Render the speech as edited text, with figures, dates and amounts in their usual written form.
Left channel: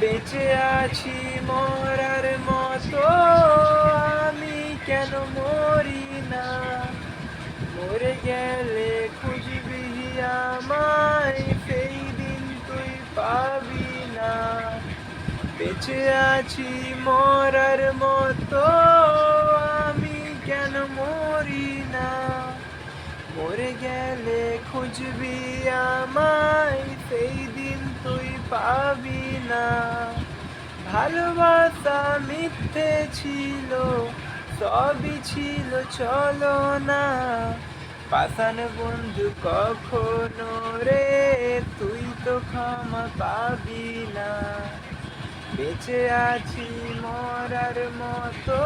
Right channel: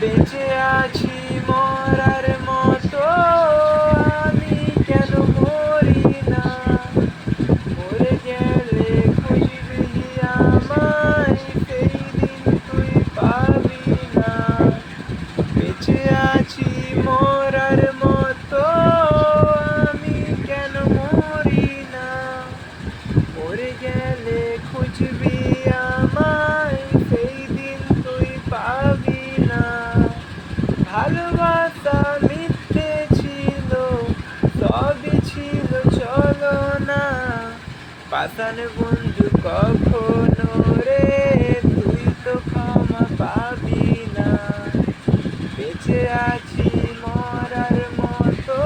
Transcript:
বেঁচে আছি মরার মতো, আমি কেন মরি না? মরে গেলে খুঁজবি আমায়, সেই দিন তুই পাবি না। বেঁচে আছি মরার মতো, আমি কেন মরি না? মরে গেলে খুঁজবি আমায়, সেই দিন তুই পাবি না। ভালোবাসা মিথ্যে ছিল, সবই ছিল চলো না। পাষাণ বন্ধু কখনো রে, তুই তো ক্ষমা পাবি না। বেঁচে আছি মরার মতো,